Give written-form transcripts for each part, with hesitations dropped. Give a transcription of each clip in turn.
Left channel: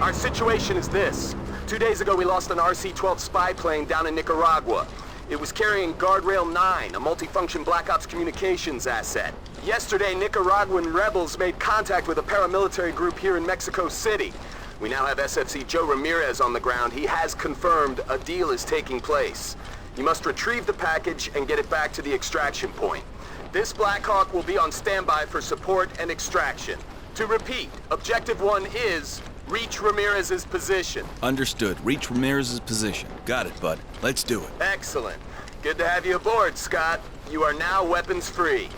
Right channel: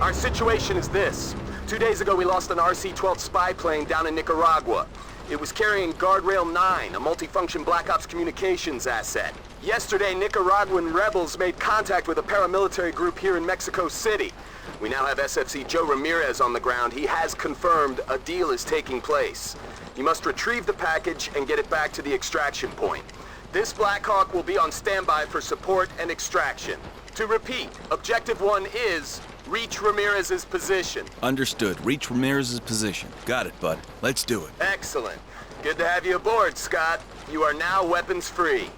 Our situation is this. 2 days ago, we lost an RC-12 spy plane down in Nicaragua. It was carrying Guardrail 9, a multifunction Black Ops communications asset. Yesterday, Nicaraguan rebels made contact with a paramilitary group here in Mexico City. We now have SFC Joe Ramirez on the ground. He has confirmed a deal is taking place. You must retrieve the package and get it back to the extraction point. This Black Hawk will be on standby for support and extraction. To repeat, Objective 1 is reach Ramirez's position. Understood. Reach Ramirez's position. Got it, bud. Let's do it. Excellent. Good to have you aboard, Scott. You are now weapons free.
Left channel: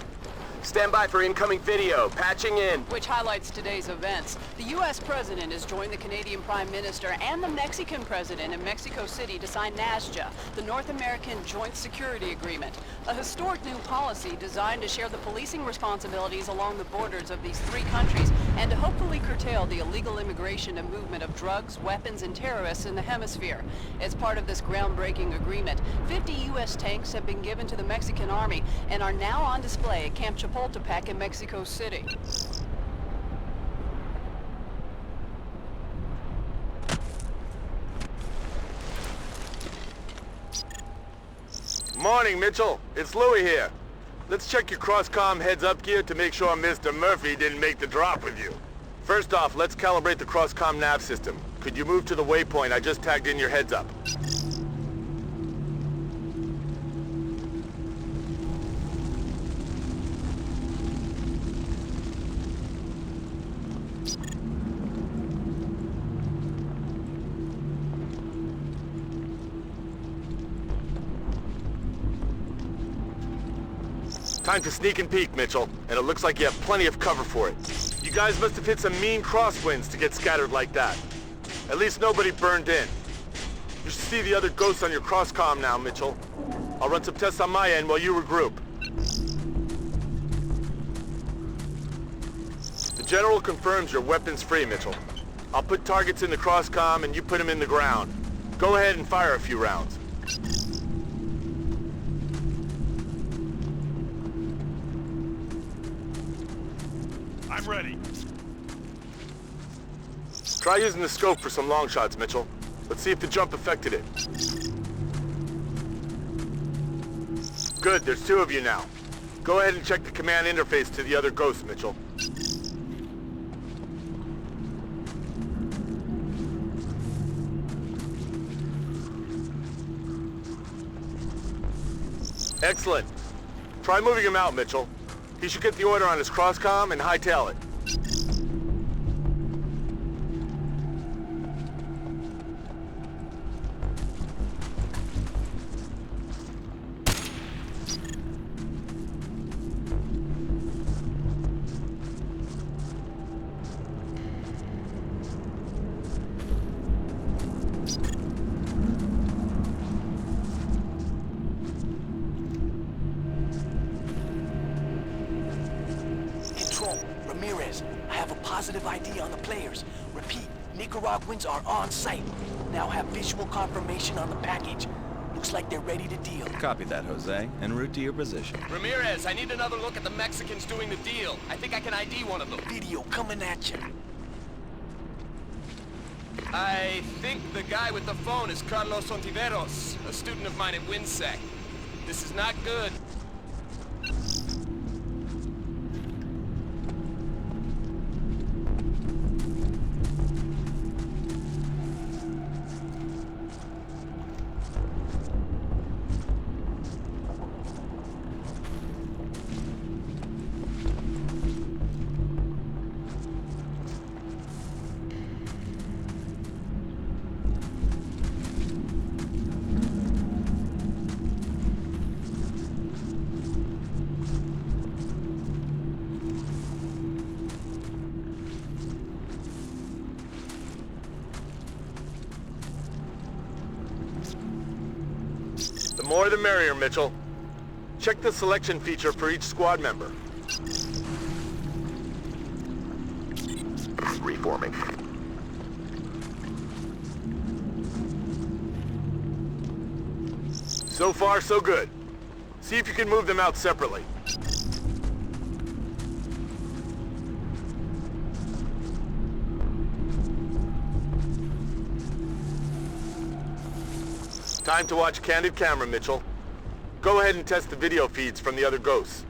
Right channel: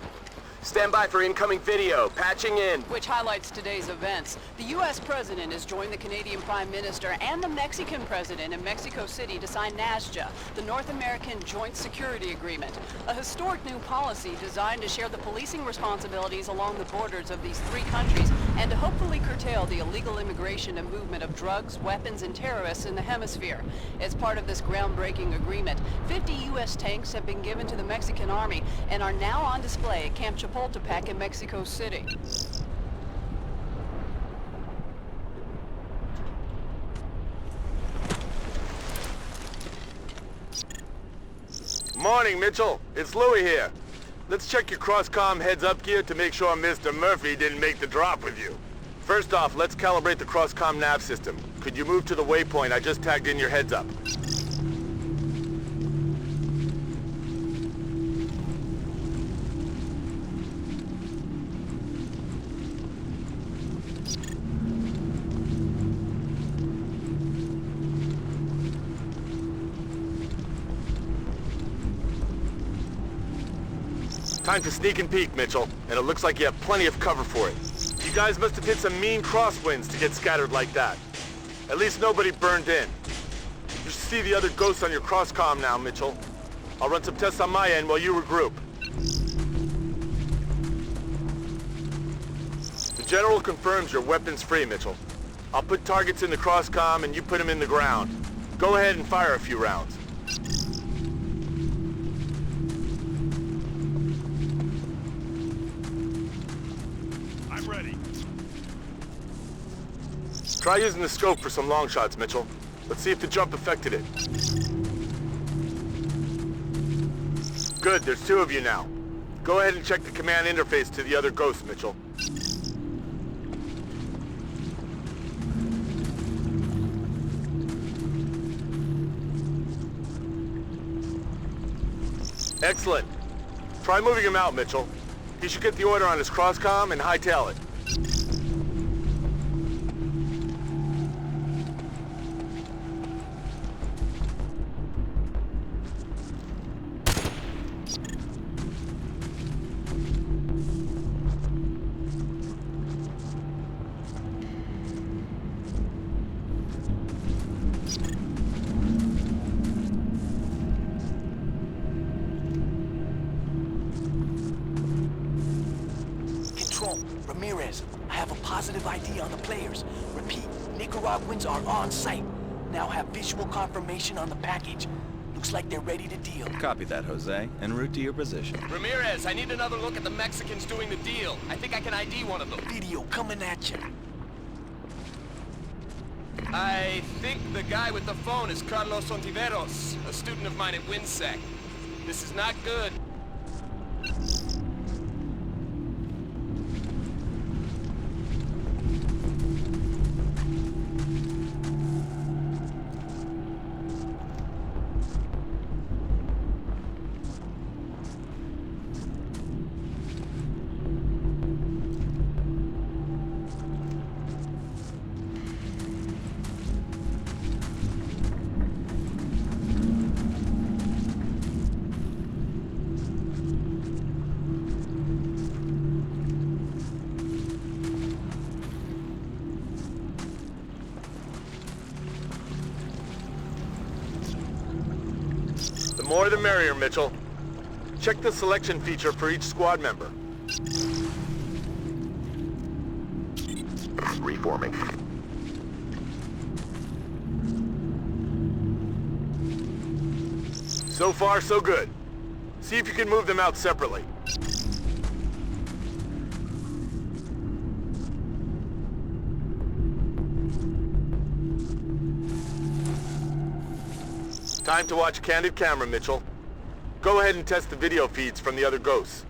Stand by for incoming video. Patching in. Which highlights today's events. The U.S. President has joined the Canadian Prime Minister and the Mexican President in Mexico City to sign NASJA, the North American Joint Security Agreement, a historic new policy designed to share the policing responsibilities along the borders of these three countries and to hopefully curtail the illegal immigration and movement of drugs, weapons, and terrorists in the hemisphere. As part of this groundbreaking agreement, 50 U.S. tanks have been given to the Mexican Army and are now on display at Camp Chapultepec in Mexico City. Morning, Mitchell. It's Louie here. Let's check your cross-comm heads-up gear to make sure Mr. Murphy didn't make the drop with you. First off, let's calibrate the cross-comm nav system. Could you move to the waypoint I just tagged in your heads-up? Time to sneak and peek, Mitchell, and it looks like you have plenty of cover for it. You guys must have hit some mean crosswinds to get scattered like that. At least nobody burned in. You should see the other ghosts on your cross-comm now, Mitchell. I'll run some tests on my end while you regroup. The General confirms you're weapons free, Mitchell. I'll put targets in the cross-comm and you put them in the ground. Go ahead and fire a few rounds. I'm ready. Try using the scope for some long shots, Mitchell. Let's see if the jump affected it. Good, there's two of you now. Go ahead and check the command interface to the other ghosts, Mitchell. Excellent. Try moving him out, Mitchell. He should get the order on his cross-comm and hightail it. Ramirez, I have a positive ID on the players. Repeat, Nicaraguans are on site. Now have visual confirmation on the package. Looks like they're ready to deal. Copy that, Jose. En route to your position. Ramirez, I need another look at the Mexicans doing the deal. I think I can ID one of them. Video coming at you. I think the guy with the phone is Carlos Ontiveros, a student of mine at WinSec. This is not good. more the merrier, Mitchell. Check the selection feature for each squad member. Reforming. So far, so good. See if you can move them out separately. Time to watch candid camera, Mitchell. Go ahead and test the video feeds from the other ghosts.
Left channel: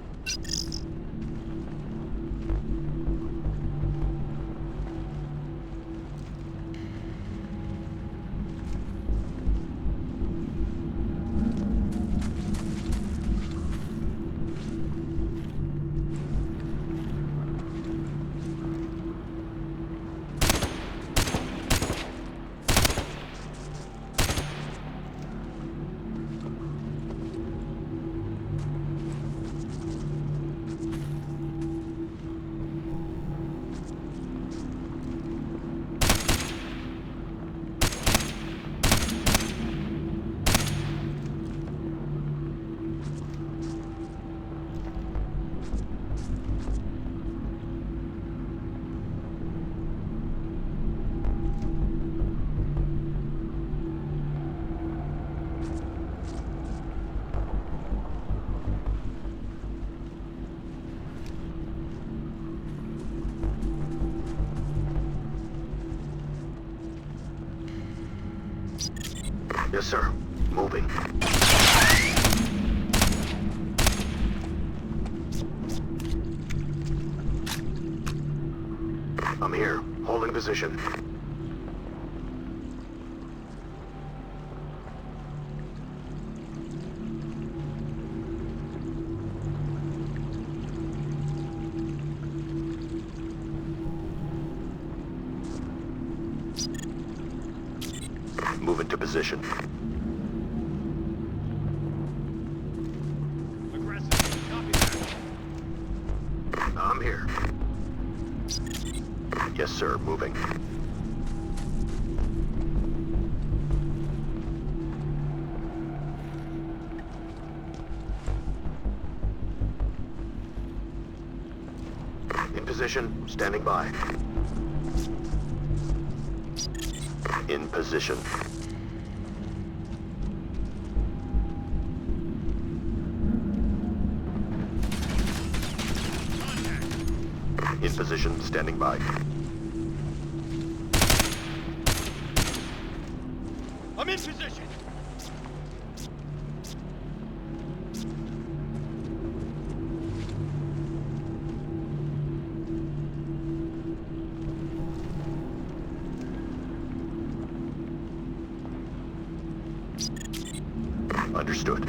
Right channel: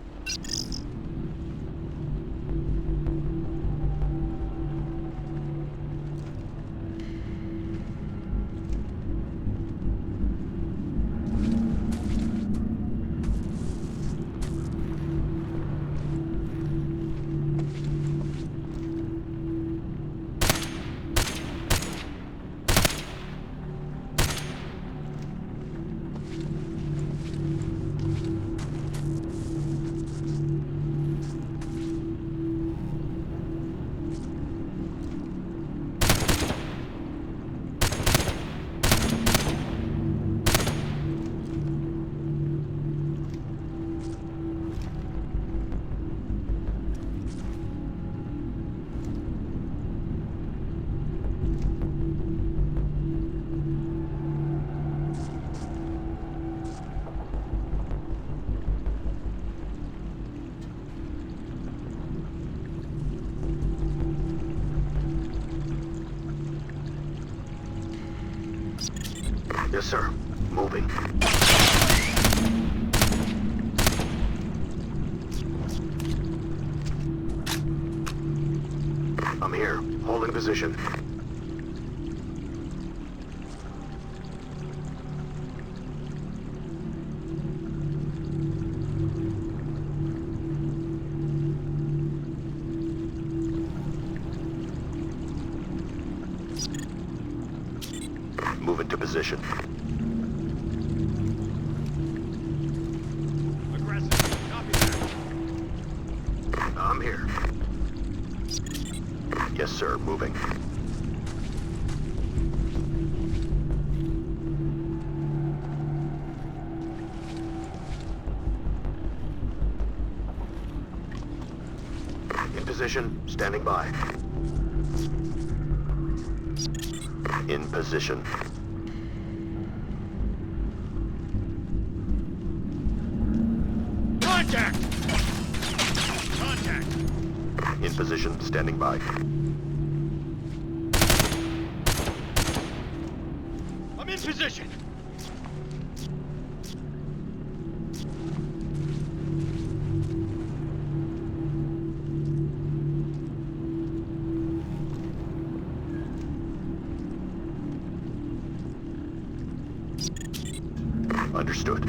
Yes, sir. Moving. I'm here. Holding position. Move into position. Aggressive. Copy that. I'm here. Yes, sir. Moving. In position. Standing by. In position. Contact! Contact! In position. Standing by. I'm in position! Understood.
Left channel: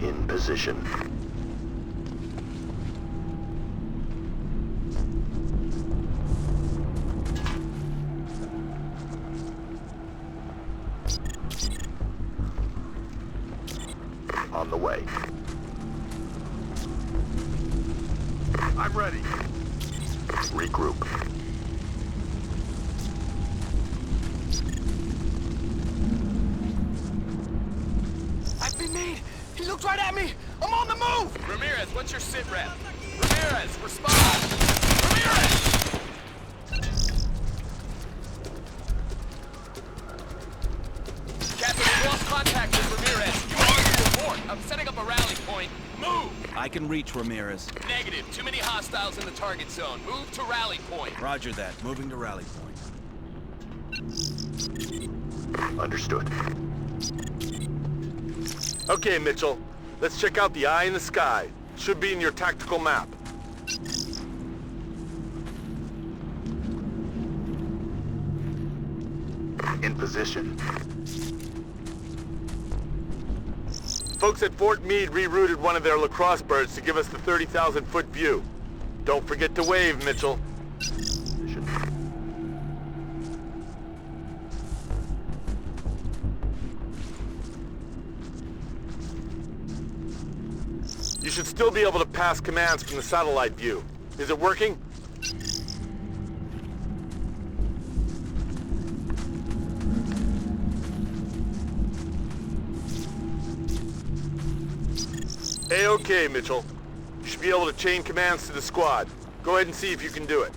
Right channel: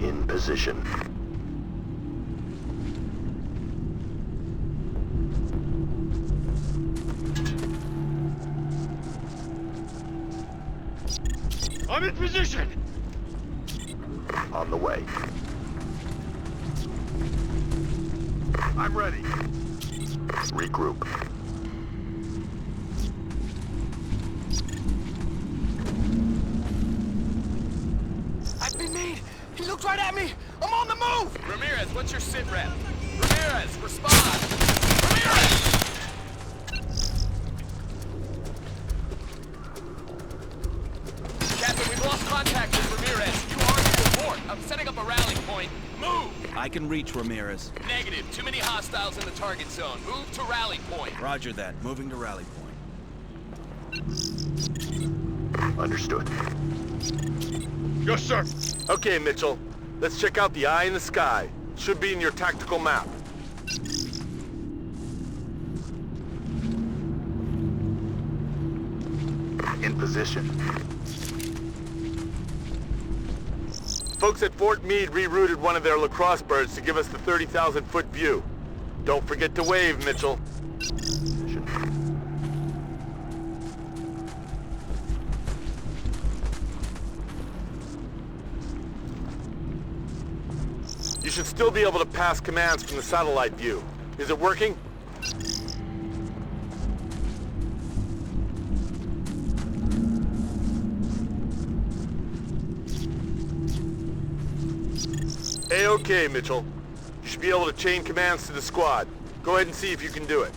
In position. I'm in position! On the way. I'm ready. Regroup. I've been made! He looked right at me! I'm on the move! Ramirez, what's your sit rep? Ramirez, respond! Ramirez! Captain, we lost contact with Ramirez. You are to report. I'm setting up a rally point. Move! I can reach Ramirez. Negative. Too many hostiles in the target zone. Move to rally point. Roger that. Moving to rally point. Understood. Yes, sir. Okay, Mitchell. Let's check out the eye in the sky. Should be in your tactical map. In position. Folks at Fort Meade rerouted one of their lacrosse birds to give us the 30,000-foot view. Don't forget to wave, Mitchell. Position. You should still be able to pass commands from the satellite view. Is it working? A-okay, Mitchell. You should be able to chain commands to the squad. Go ahead and see if you can do it.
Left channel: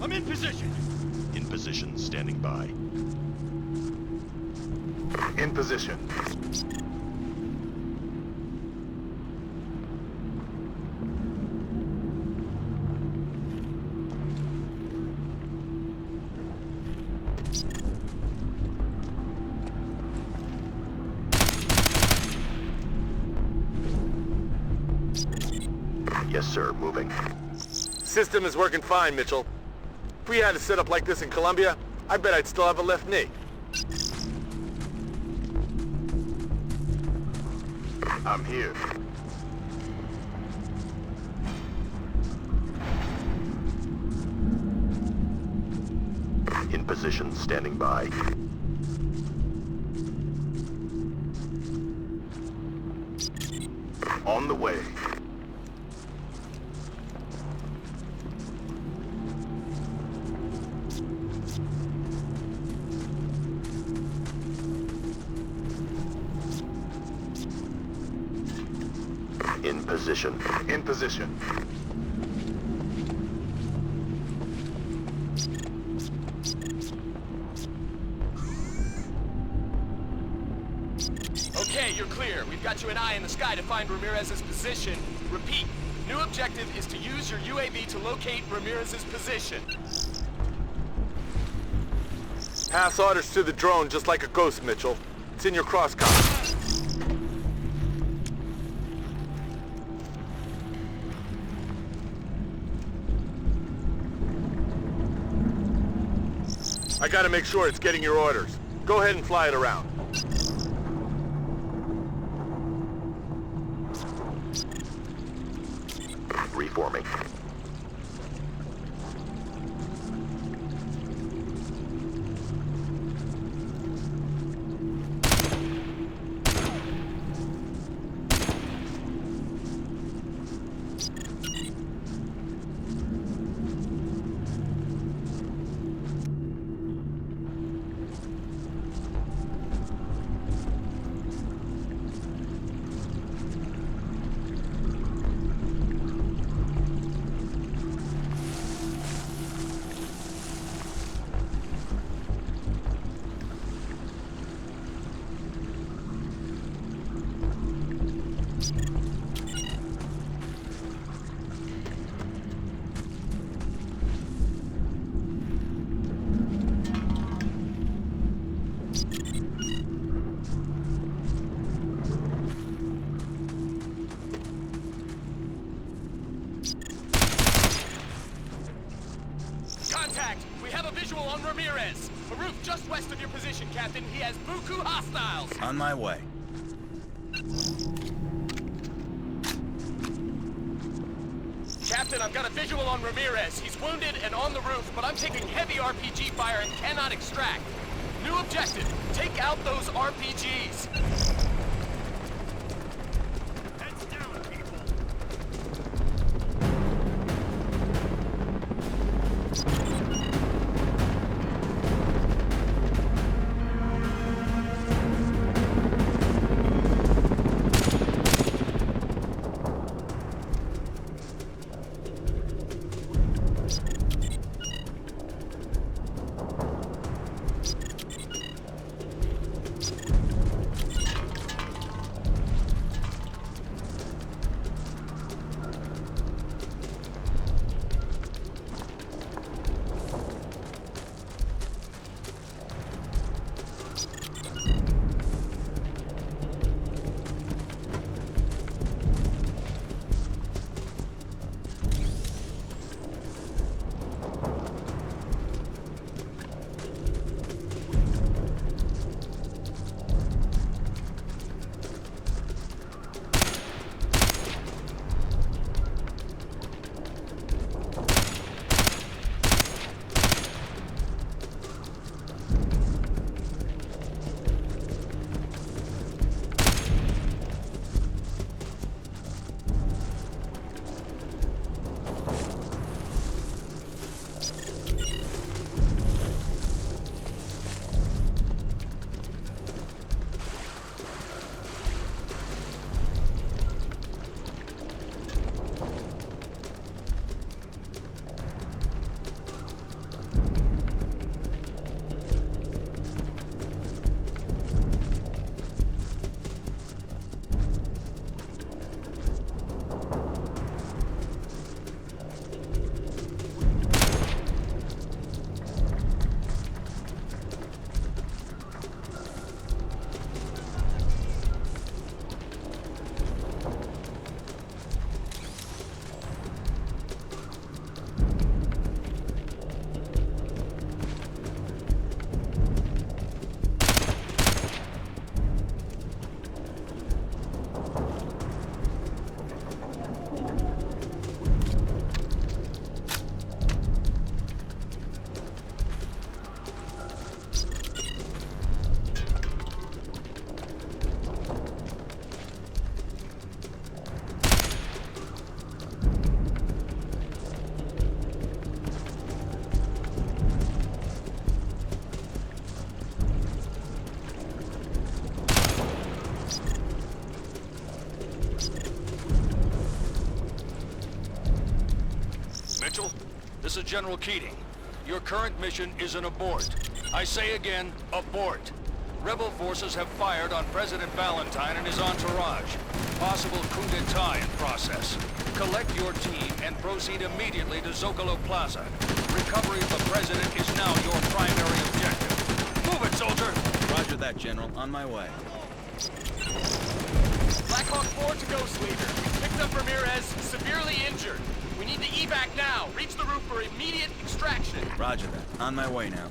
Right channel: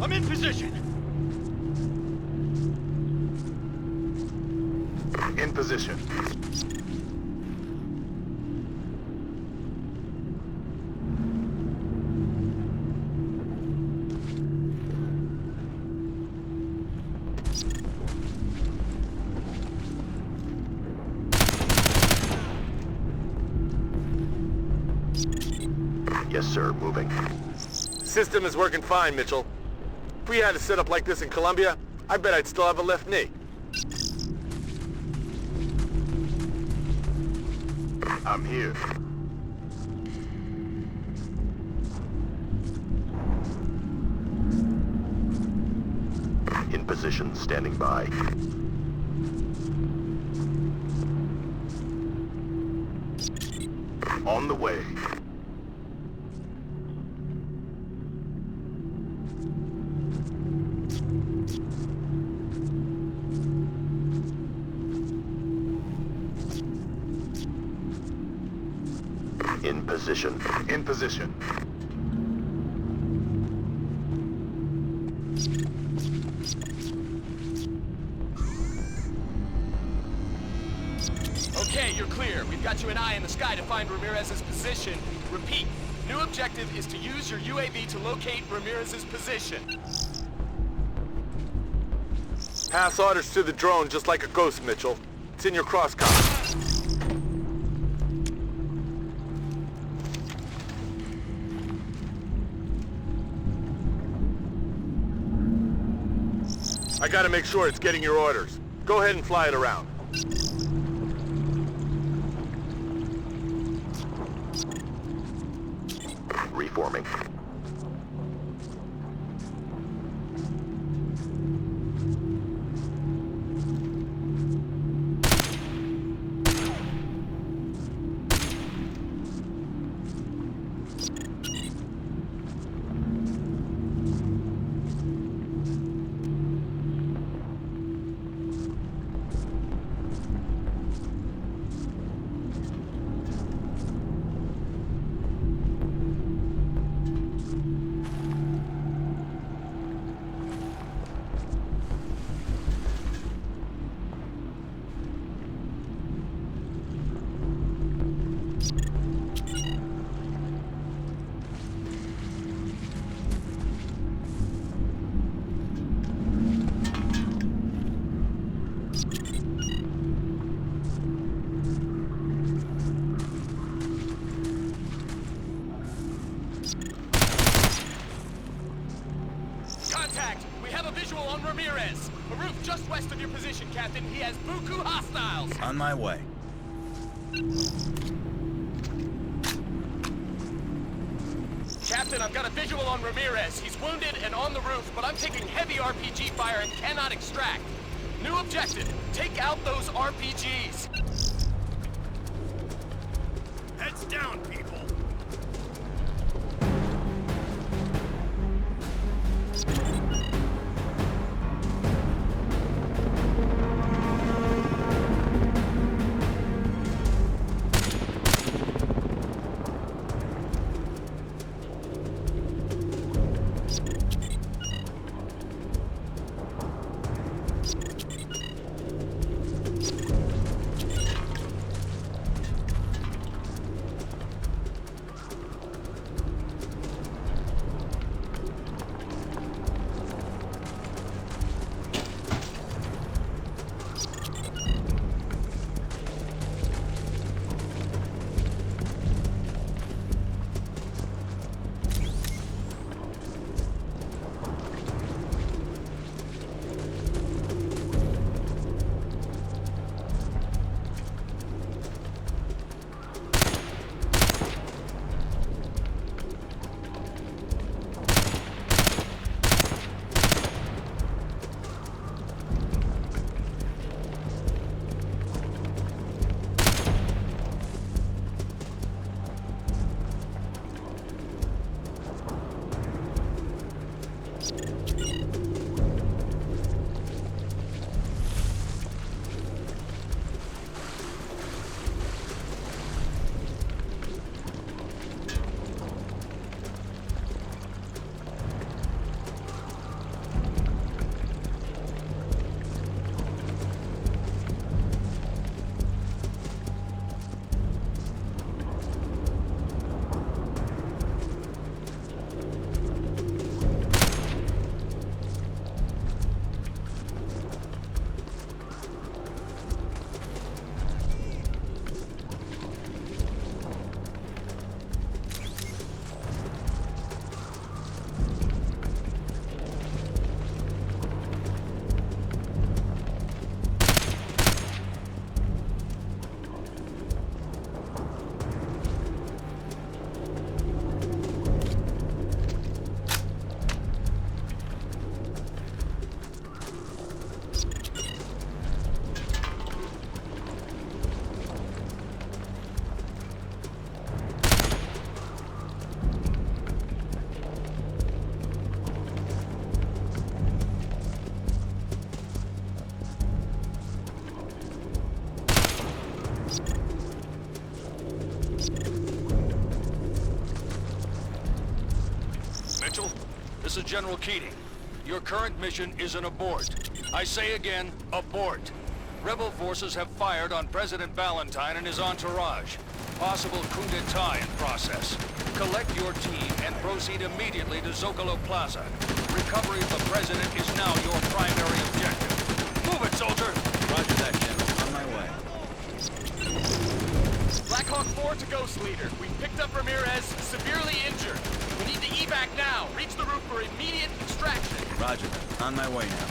I'm in position. In position, standing by. In position. Yes, sir. Moving. System is working fine, Mitchell. If we had a setup like this in Colombia, I bet I'd still have a left knee. I'm here. In position, standing by. On the way. In position. In position. Okay, you're clear. We've got you an eye in the sky to find Ramirez's position. Repeat, new objective is to use your UAV to locate Ramirez's position. Pass orders to the drone just like a ghost, Mitchell. It's in your crosscom. I gotta make sure it's getting your orders. Go ahead and fly it around. Reforming. Contact! We have a visual on Ramirez. A roof just west of your position, Captain. He has buku hostiles. On my way. Captain, I've got a visual on Ramirez. He's wounded and on the roof, but I'm taking heavy RPG fire and cannot extract. New objective, take out those RPGs. Heads down, people. is General Keating. Your current mission is an abort. I say again, abort. Rebel forces have fired on President Valentine and his entourage. Possible coup d'etat in process. Collect your team and proceed immediately to Zocalo Plaza. Recovery of the president is now your primary objective. Move it, soldier! Roger that, General. On my way. Blackhawk 4 to Ghost Leader. We picked up Ramirez, severely injured. We need to evac now. Reach the roof for immediate extraction. Roger that. On my way now.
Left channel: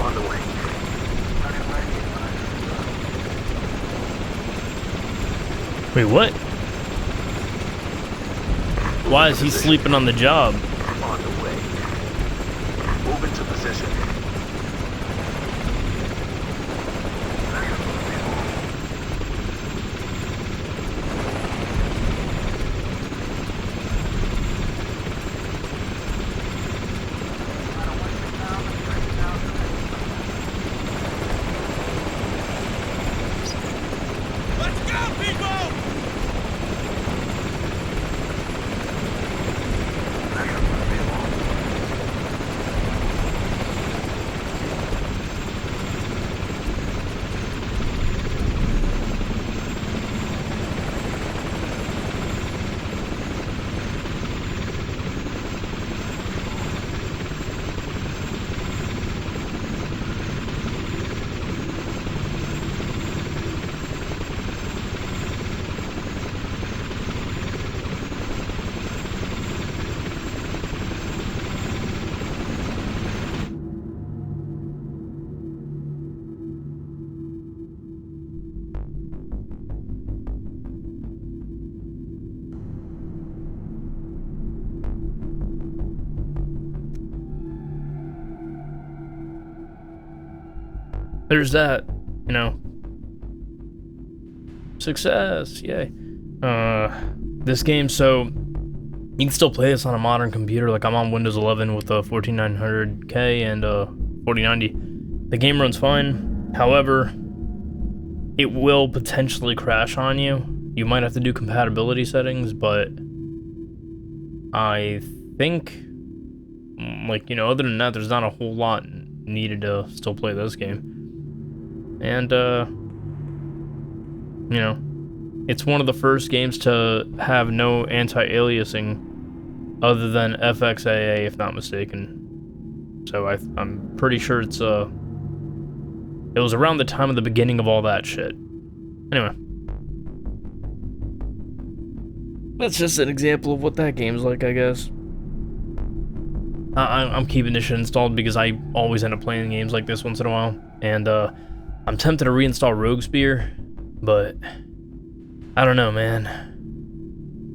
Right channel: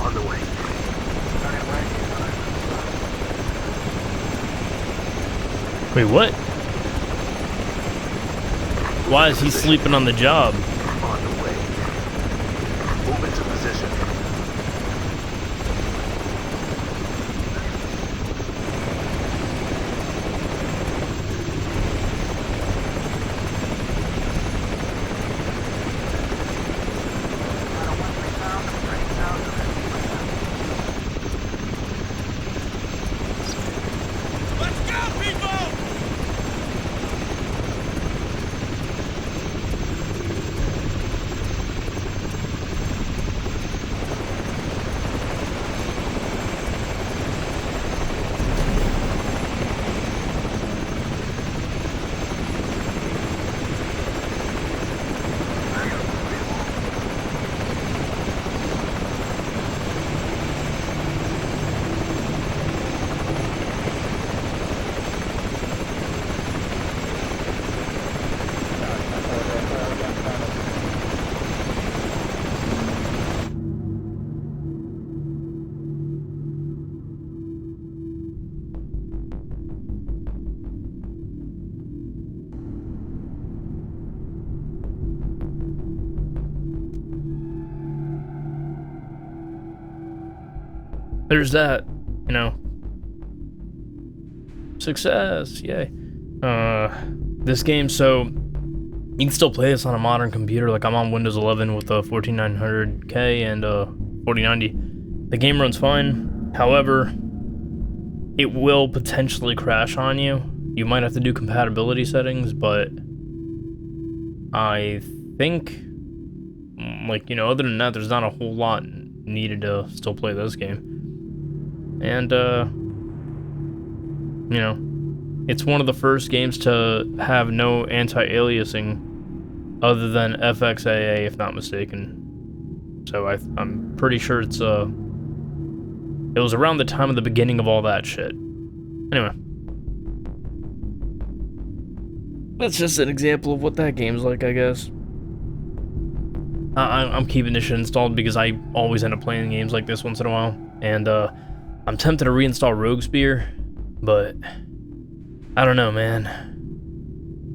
On the way. Wait, what? Why is he sleeping on the job? On the way. Move into position. There's that, you know. Success, yay. This game, so You can still play this on a modern computer. Like, I'm on Windows 11 with a 14900K and 4090. The game runs fine. However, it will potentially crash on you. You might have to do compatibility settings, but I think, like, you know, other than that, there's not a whole lot needed to still play this game. And, you know, it's one of the first games to have no anti-aliasing other than FXAA, if not mistaken. So I'm pretty sure it's, it was around the time of the beginning of all that shit. Anyway. That's just an example of what that game's like, I guess. I'm keeping this shit installed because I always end up playing games like this once in a while. And, I'm tempted to reinstall Rogue Spear, but I don't know, man.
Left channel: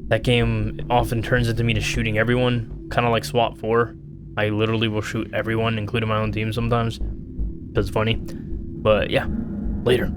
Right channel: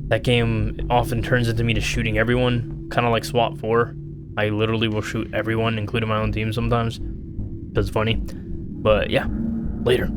That game often turns into me just shooting everyone, kind of like SWAT 4. I literally will shoot everyone, including my own team sometimes, because it's funny. But yeah, later.